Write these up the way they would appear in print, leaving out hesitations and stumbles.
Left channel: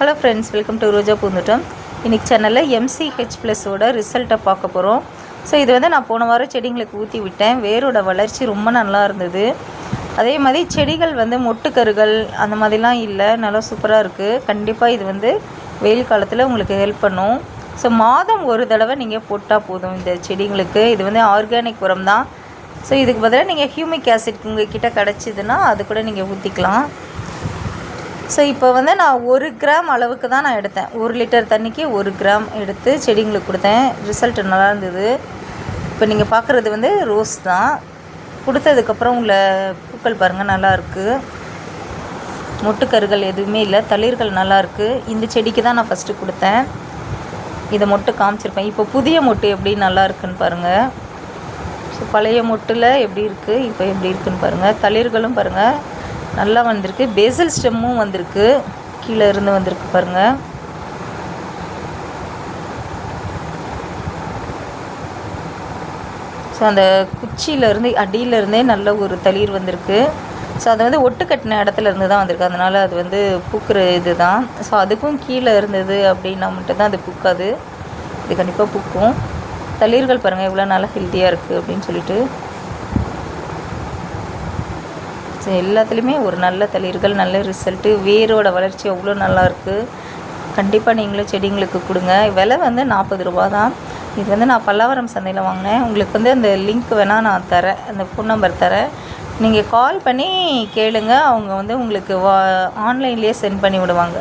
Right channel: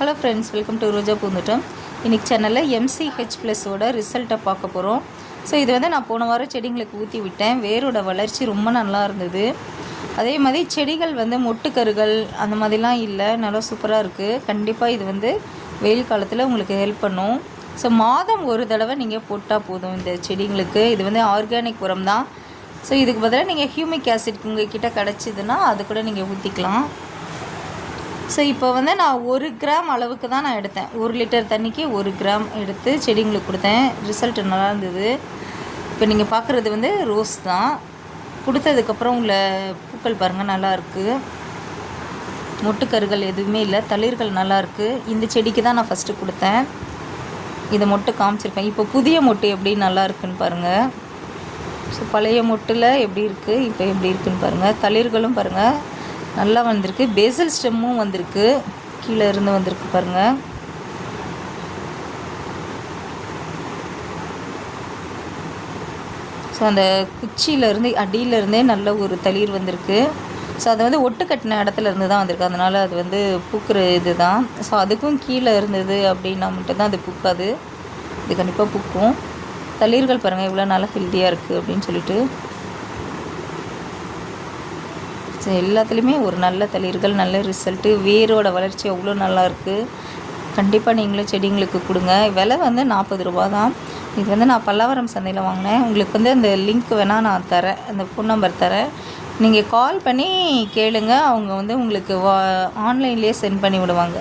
Hello friends, welcome to ரோஜா பூந்தோட்டம். இன்றைக்கி சேனலில் MCH+ஓட ரிசல்ட்டை பார்க்க போகிறோம். ஸோ இது வந்து நான் போன வாரம் செடிங்களுக்கு ஊற்றி விட்டேன். வேரோட வளர்ச்சி ரொம்ப நல்லா இருந்தது. அதே மாதிரி செடிகள் வந்து மொட்டுக்கருகள் அந்த மாதிரிலாம் இல்லை, நல்லா சூப்பராக இருக்குது. கண்டிப்பாக இது வந்து வெயில் காலத்தில் உங்களுக்கு ஹெல்ப் பண்ணும். ஸோ மாதம் ஒரு தடவை நீங்கள் போட்டால் போதும் இந்த செடிங்களுக்கு. இது வந்து ஆர்கானிக் உரம் தான். ஸோ இதுக்கு பதிலாக நீங்கள் ஹியூமிக் ஆசிட் உங்கள் கிட்டே கிடச்சிதுன்னா அது கூட நீங்கள் ஊற்றிக்கலாம். ஸோ இப்போ வந்து நான் 1 கிராம் அளவுக்கு தான் நான் எடுத்தேன். 1 லிட்டர் தண்ணிக்கு 1 கிராம் எடுத்து செடிங்களுக்கு கொடுத்தேன். ரிசல்ட் நல்லா இருந்தது. இப்போ நீங்கள் பார்க்குறது வந்து ரோஸ் தான். கொடுத்ததுக்கப்புறம் உள்ள பூக்கள் பாருங்கள், நல்லாயிருக்கு. மொட்டுக்கருகள் எதுவுமே இல்லை, தளிர்கள் நல்லாயிருக்கு. இந்த செடிக்கு தான் நான் ஃபஸ்ட்டு கொடுத்தேன். இதை மொட்டு காமிச்சிருப்பேன். இப்போ புதிய மொட்டு எப்படி நல்லா இருக்குன்னு பாருங்கள். ஸோ பழைய மொட்டில் எப்படி இருக்குது, இப்போ எப்படி இருக்குன்னு பாருங்கள். தளிர்களும் பாருங்கள் நல்லா வந்திருக்கு. பேசல் ஸ்டெம்மும் வந்திருக்கு, கீழே இருந்து வந்திருக்கு பாருங்கள். ஸோ அந்த குச்சியிலேருந்து அடியிலேருந்தே நல்ல ஒரு தளிர் வந்திருக்கு. ஸோ அது வந்து ஒட்டு கட்டின இடத்துல இருந்து தான் வந்திருக்கு, அதனால் அது வந்து பூக்கிற இது தான். ஸோ அதுக்கும் கீழே இருந்தது அப்படின்னா மட்டும்தான் அது பூக்காது. இது கண்டிப்பாக பூக்கும். தளிர்கள் பாருங்கள் எவ்வளோ நல்லா ஹெல்த்தியாக இருக்குது அப்படின்னு சொல்லிட்டு. ஸோ எல்லாத்துலேயுமே ஒரு நல்ல தளிர்கள், நல்ல ரிசல்ட்டு. வேரோட வளர்ச்சி அவ்வளோ நல்லாயிருக்கு. கண்டிப்பாக நீங்களும் செடிங்களுக்கு கொடுங்க. விலை வந்து 40 ரூபா தான். இது வந்து நான் பல்லாவரம் சந்தையில் வாங்கினேன். உங்களுக்கு வந்து அந்த லிங்க் வேணால் நான் தரேன், அந்த ஃபோன் நம்பர் தரேன். நீங்கள் கால் பண்ணி கேளுங்க, அவங்க வந்து உங்களுக்கு ஆன்லைன்லேயே சென்ட் பண்ணி விடுவாங்க.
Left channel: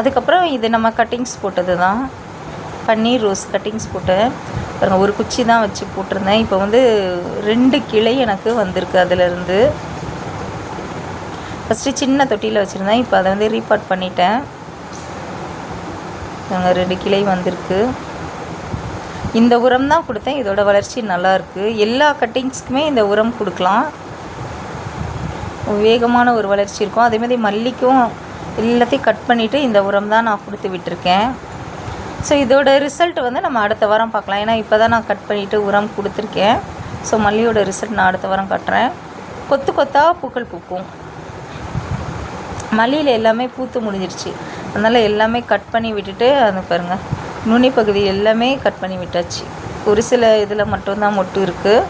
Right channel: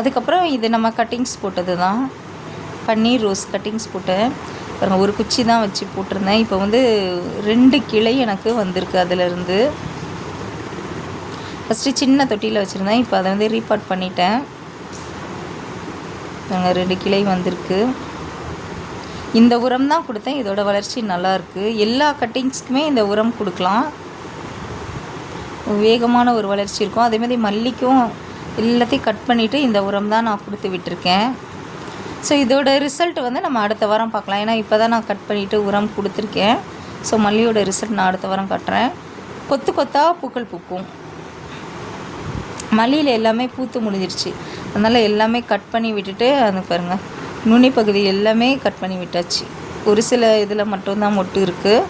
அதுக்கப்புறம் இது நம்ம கட்டிங்ஸ் போட்டது தான், பன்னீர் ரோஸ் கட்டிங்ஸ் போட்டேன். பாருங்கள், ஒரு குச்சி தான் வச்சு போட்டிருந்தேன். இப்போ வந்து 2 கிளை எனக்கு வந்திருக்கு. அதிலேருந்து ஃபஸ்ட்டு சின்ன தொட்டியில் வச்சுருந்தேன், இப்போ அதை வந்து ரீபாட் பண்ணிட்டேன். நாங்கள் 2 கிளை வந்திருக்கு. இந்த உரம் தான் கொடுத்தேன். இதோட வளர்ச்சி நல்லாயிருக்கு. எல்லா கட்டிங்ஸ்க்குமே இந்த உரம் கொடுக்கலாம், வேகமான ஒரு வளர்ச்சி இருக்கும். அதேமாதிரி மல்லிக்கும் எல்லாத்தையும் கட் பண்ணிவிட்டு இந்த உரம் தான் நான் கொடுத்து விட்டுருக்கேன். ஸோ இதோட ரிசல்ட் வந்து நம்ம அடுத்த வாரம் பார்க்கலாம். ஏன்னா இப்போ தான் நான் கட் பண்ணிவிட்டு உரம் கொடுத்துருக்கேன். ஸோ மல்லியோட ரிசல்ட் நான் அடுத்த வாரம் காட்டுறேன். கொத்து கொத்தாக பூக்கள் பூக்கும். மல்லியில் எல்லாமே பூத்து முடிஞ்சிருச்சு, அதனால் எல்லாமே கட் பண்ணி விட்டுட்டு அது பாருங்கள், நுனி பகுதி எல்லாமே கட் பண்ணி விட்டாச்சு. ஒரு சில இதில் மட்டும்தான் மொட்டு இருக்குது.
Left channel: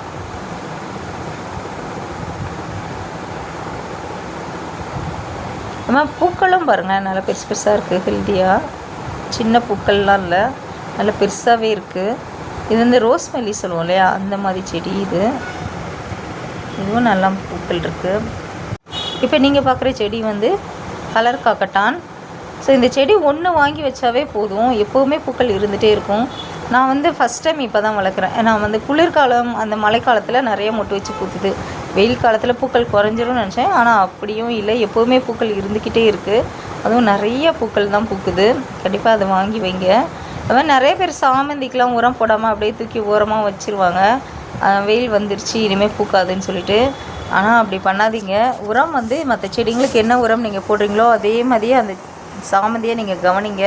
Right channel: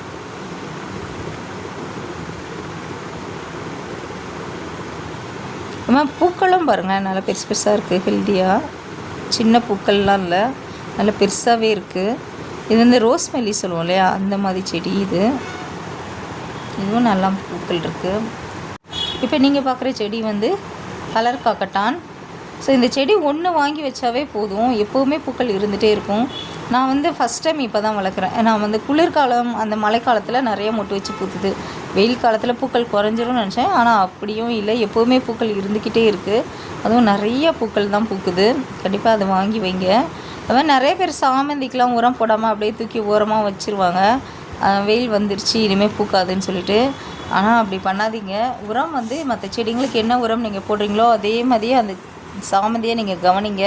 ஆமாம், பூக்களும் பாருங்கள் நல்லா பெருசு பெருசாக இருக்குது, ஹெல்த்தியாக. சின்ன பூக்கள்லாம் இல்லை, நல்லா பெருசாகவே இருக்குது. இது வந்து ரோஸ் மல்லி சொல்லுவோம் இல்லையா, அந்த மாதிரி செடி இது. இதுவும் நல்லா பூக்கள் இருக்குது. இப்போ நீங்கள் பார்க்குற செடி வந்து கலர் காக்கட்டான். ஸோ இந்த செடி ஒன்று வாங்கி வச்சாவே போதும், எப்போவுமே பூக்கள் இருந்துகிட்டே இருக்கும். நான் வந்து ஃபஸ்ட் டைம் இப்போ தான் வளர்க்குறேன். நான் வந்து குளிர்காலம் அந்த மழைக்காலத்தில் நிறைய மொட்டு வச்சு பூத்துது. வெயில் காலத்தில் பூக்கள் குறைஞ்சிரும்னு நினச்சேன், ஆனால் அப்படியும் இல்லை, எப்போவுமே பூக்கள் இருந்துக்கிட்டே இருக்குது. அதுவும் நிறைய பூக்கள் தான் பூக்குது. கண்டிப்பாக அதை வாங்கி வைங்க. அது மாதிரி நிறைய பேர் சாமந்திக்கெலாம் உரம் போடாமல் அப்படியே தூக்கி ஓரமாக வச்சுருவாங்க. வெயில் வந்துருச்சு இனிமேல் பூக்காதுன்னு சொல்லிட்டு. ஆனால் அப்படி பண்ணாதீங்க. உரம் வந்து மற்ற செடிங்களுக்கு என்ன உரம் நீங்கள் போடுறீங்களோ அதே மாதிரியே அந்த சாமந்தியை நீங்கள் கவனிங்க.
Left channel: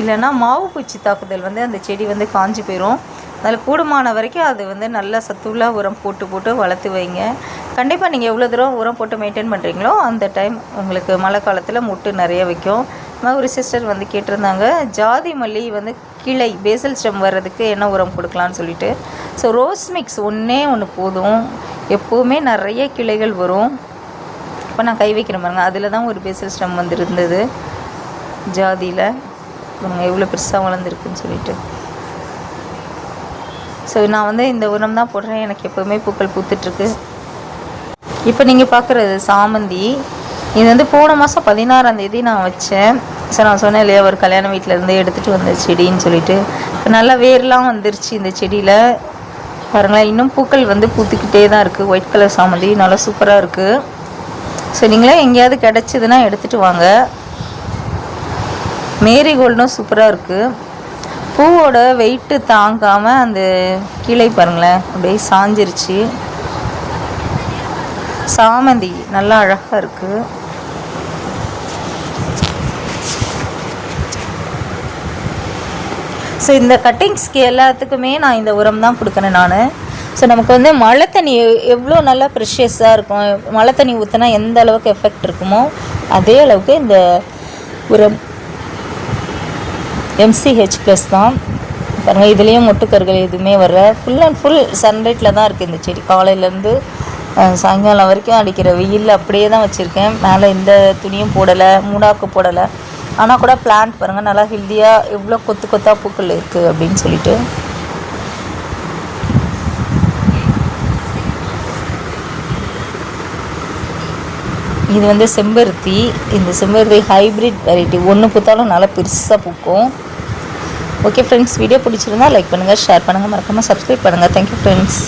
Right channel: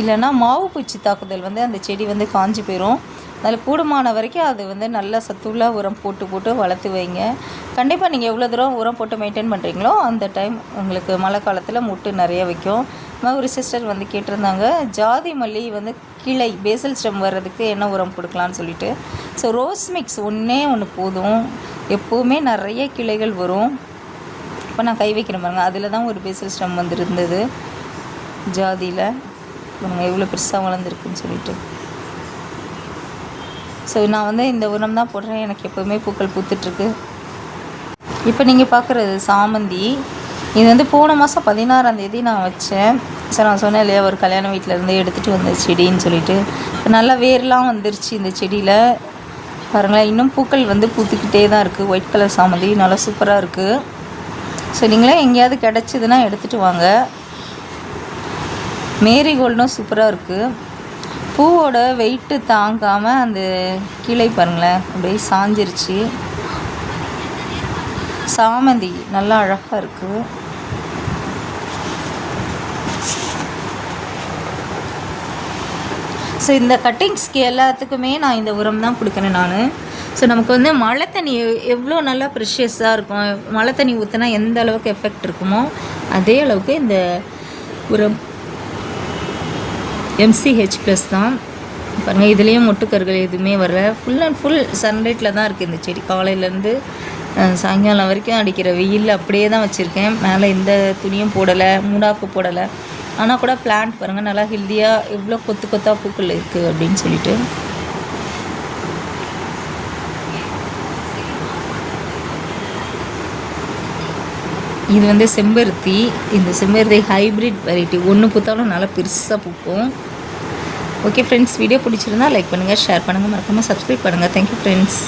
இல்லைன்னா மாவு பூச்சி தாக்குதல் வந்து அந்த செடி வந்து காஞ்சி போயிடும். அதில் கூடுமான வரைக்கும் அது வந்து நல்ல சத்துள்ள உரம் போட்டு வளர்த்து வைங்க. கண்டிப்பாக நீங்கள் எவ்வளோ தூரம் உரம் போட்டு மெயின்டைன் பண்ணுறீங்களோ அந்த டைம் உங்களுக்கு மழை காலத்தில் மொட்டு நிறைய வைக்கும். ஒரு சிஸ்டர் வந்து கேட்டிருந்தாங்க, ஜாதி மல்லி வந்து கிளை பேசல் ஸ்டெம் வர்றதுக்கு என்ன உரம் கொடுக்கலான்னு சொல்லிட்டு. ஸோ ரோஸ் மிக்ஸ் ஒன்று போதும், எப்போவுமே நிறைய கிளைகள் வரும். இப்போ நான் கை வைக்கிறேன் பாருங்கள், அதில் தான் ஒரு பேசல் ஸ்டெம் வந்து இருந்தது ஜாதியில். எவ்வளோ பெருசாக வளர்ந்துருக்குன்னு சொல்லிட்டு. ஸோ நான் வந்து இந்த உரம் தான் போடுறேன், எனக்கு எப்போவுமே பூக்கள் பூத்துட்ருக்கு. இப்போ நீங்கள் பார்க்குறது சாமந்தி. இது வந்து போன மாதம் 16ஆம் தேதி நான் வச்சேன். ஸோ நான் சொன்னேன் இல்லையா, ஒரு கல்யாண வீட்டிலேருந்து எடுத்துகிட்டு வந்த செடின்னு சொல்லிட்டு. இப்போ நல்லா வேர்லாம் வந்துருச்சு இந்த செடியில் பாருங்களேன். இன்னும் பூக்கள் வந்து பூத்துக்கிட்டே தான் இருக்குது. ஒயிட் கலர் சாமந்தி நல்லா சூப்பராக இருக்குது. ஸோ நீங்களே எங்கேயாவது கிடச்சிதுன்னா எடுத்துகிட்டு வாங்க. மேரிகோல்டும் சூப்பராக இருக்குது. பூவோட வெயிட்டு தாங்காமல் அந்த கிளை பாருங்களேன் அப்படியே சாஞ்சிருச்சு. சாமந்தி நல்லா அழகாக இருக்குது. ஸோ இந்த கட்டிங்ஸ்க்கு எல்லாத்துக்குமே நான் இந்த உரம் தான் கொடுக்குறேன் நான். ஸோ நமக்கு வந்து மழை தண்ணி எவ்வளோ நல்லா ப்ரெஷியஸாக இருக்கும், மழை தண்ணி ஊற்றினா எந்த அளவுக்கு எஃபெக்ட் இருக்குமோ அதே அளவுக்கு இந்த உரம் MCH ப்ளஸ் தான். பாருங்கள், இதுலேயும் மொட்டுக்கருகள் எதுவுமே வரல. ஃபுல் அண்ட் ஃபுல் சன்லைட்டில் தான் இருக்குது இந்த செடி. காலையிலேருந்து சாயங்காலம் வரைக்கும் அடிக்கிற வெயில் அப்படியே தான் வச்சுருக்கேன். மேலே எந்த துணியும் போடலை, மூடாக்கு போடலை. ஆனால் கூட பிளான்ட் பாருங்கள் நல்லா ஹெல்த்தியாக எவ்வளோ கொத்து கொத்தாக பூக்கள் இருக்குது அப்படின்னு சொல்லிட்டு. இது செம்பருத்தி. இந்த செம்பருத்தி ஹைப்ரிட் வெரைட்டி. ஒன்று பூத்தாலும் நல்லா பெருசாக பூக்கும். ஓகே ஃப்ரெண்ட்ஸ், வீடியோ பிடிச்சிருந்தா லைக் பண்ணுங்கள், ஷேர் பண்ணுங்கள், மறக்காமல் சப்ஸ்கிரைப் பண்ணுங்கள். Thank you friends.